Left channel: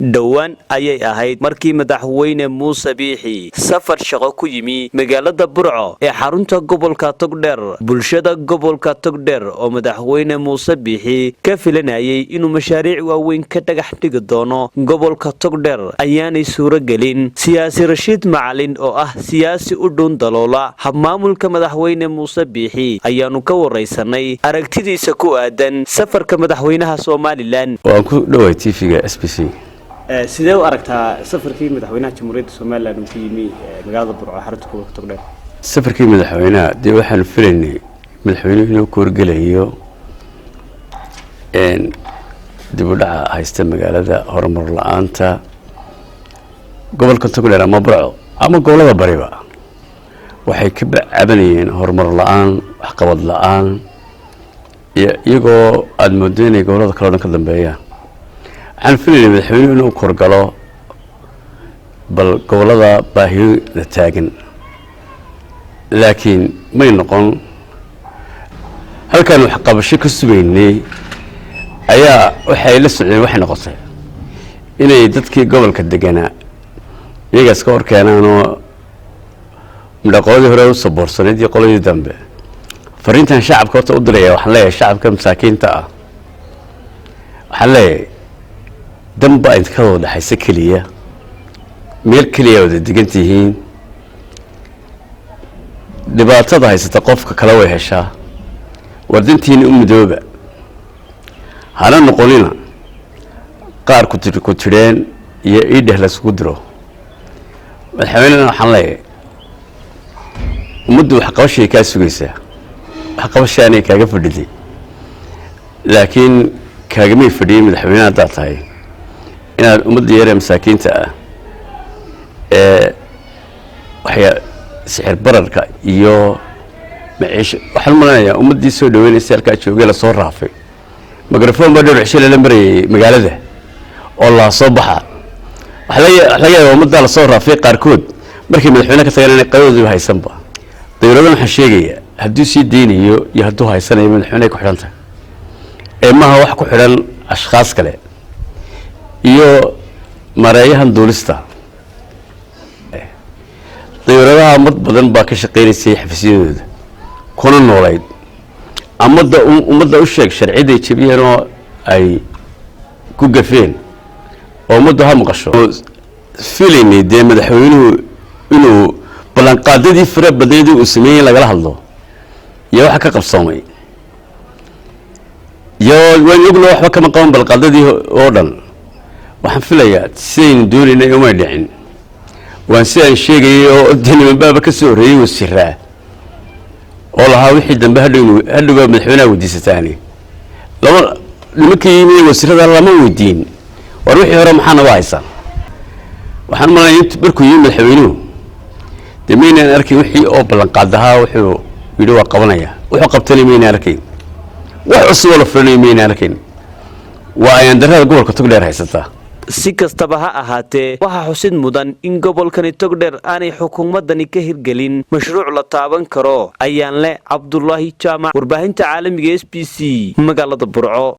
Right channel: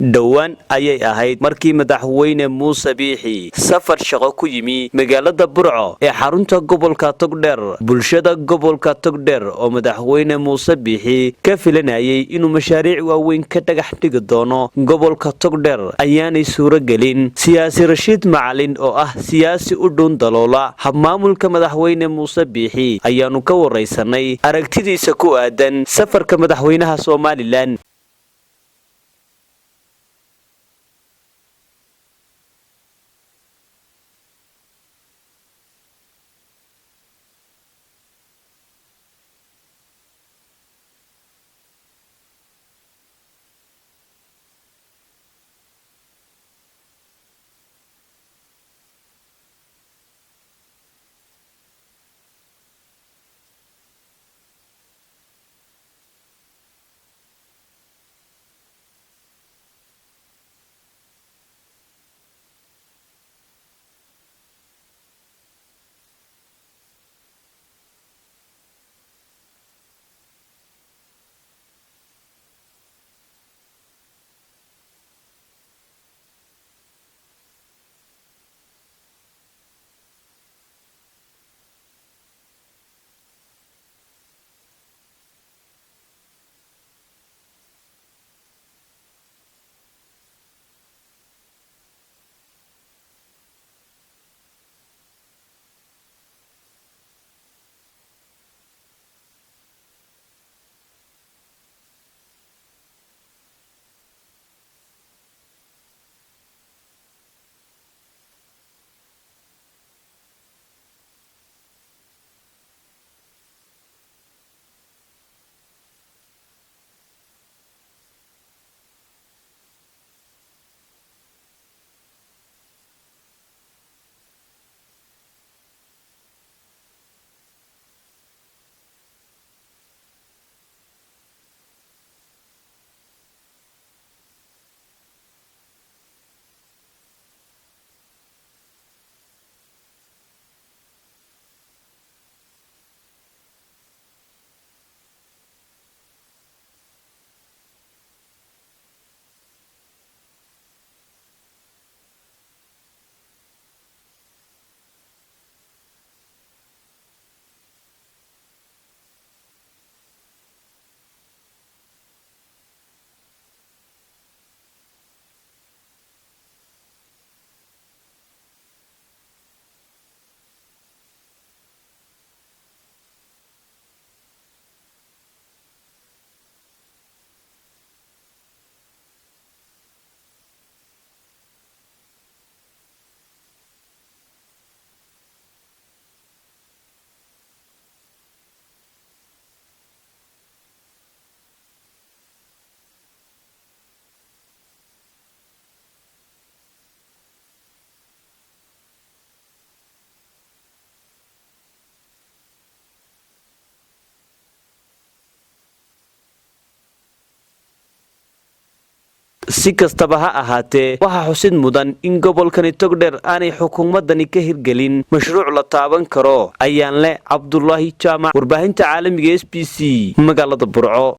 dhowaan ayay ahayd markii madaxweyne Muuse Biixi safar shaqo ku yimi magaalada Burco ee xarunta gobolka Togdheer. Bulshada gobolka Togdheer oo madaxweyne Muuse Biixi ka filanayay inuu mashaariic waaweyn ka dhagax dhigi doono gobolka Togdheer ayaanay suuro gelin. Siyaasi Rashiid Macalin oo ah siyaasi u dhown daloola habmaamulka madaxweyne Muuse Biixi ayaanu ka wareysanay aragtidiisa ku aadan safarka madaxweynaha Soomaaliland. waan ku dhaway TV-ga SBC. sidee u aragtaa safarkii madaxweynaha Jamhuuriyadda Soomaaliland uu ku yimi magaalada Burco xarunta gobolka Togdheer? safarkii madaxweynaha dee waxaan filaynay madaxweynuhu inuu ku wargelayo dib u dhaca haysta magaalada horumar la'aanta gobolka Togdheer ama Burco ama gobolada bariba waxay ka cabanayeen horumar la'aan, waxqabad la'aan iyagoo aad moodo inay gobolada kale oo dhan ka dambeeyaan. waxaan filaynay madaxweynuhu inuu korgalo bal gobolada baahida taagan, laakiin may noqon. halkan wax qabasho ka sugaynay ayaa waxay la socdeen waxay noqotay inay dadkii gobolka deganaa iyagaas ka horkeenaanoo midhaqoodii hore u saboorsaneed iyo qoladii dambe fariintan shacabka horta u diraya. waxaan leeyahay shacabka masaakiinta ah, waxaan leeyahay damba inta ka wada dhaxaysa keliya meel keliya wada degan tihiin. dhibaatada haysata qofka kale way heshaa. wardintiina u midooba, hana noqonina qaar ku tireen iyo iidheh laysugu diro. madaxweynena waxaan leeyahay ummaddu waxqabashay kaa sugaysaa, waxqabashaanay kaaga fadhiday, laakiin kaagamay fadhiyey madaxweyne haddaad tahay inaad ummadda yaree masaakiinta ah ee sixir bararka iyo maciisho waxaan malanayaa ummaddii soo dhaweynaysa halkaa joogay lasoo raafay mikrofon baa dhowr cisho lala marayay magaalada oo la soo baxa. waxa laga yaabaa ummadda lasoo raafay qaarkood markay madaxweyne ka tagaan inay qaybadooda haysanba. dawladdan waxaan sheegayaa hadduu sii deynayo iyo hadduu haysanayo madaxweyne ku xidhan tahay ee maaha wax ku xidhan ashkhaas kale iyo mareeyahan duulista. dawladaha mad badan baa ka shaqeynaysay xafiisyadooda kuna noolayd ummadda u sheeg sharciday jabiyeen oo ay ku gafeen oo ummaddu ha maqasho. filaynay dee madaxweynuhu inuu ballanqaadadii fara badneedii uu sameeyey lagala hadlo iyo waxa ka qabsoomay iyo waan ogna waxba kama qaban ballanqaadadii oo dhan. waxaan filayaa sidaynu doonaynay umay dhicin. waan sidaan sheegayay oo nimanbaaba ka soo horreeyey wasiiraa oo lahaa wixii dambe hadhowgaa madaxweynaha weydiisataani nimankii yimi wasiirada lama weydiin war wixii hore maxaa naga haysan. waxaan malanaya markuu yimi madaxweynuhu dee maynaan arkayn wixii oo ballanqaadahaa wuxuu yidhi waa qabanaya, wuxuu qabtana maynaan arkayn, wax cusuboo la fulanayo maynaan arkayn. waa ayaan darrada gobolka Togdheer haysataa. si kastaba ha ahaatee waxaa xusid mudan in gobolkani Togdheer aanay xukuumadani ka hirgelin mashruuc la taaban karo. ayaan leh Cabdullaahi Jaamac, warbaahinta caalamiga SBC, magaalada Burco.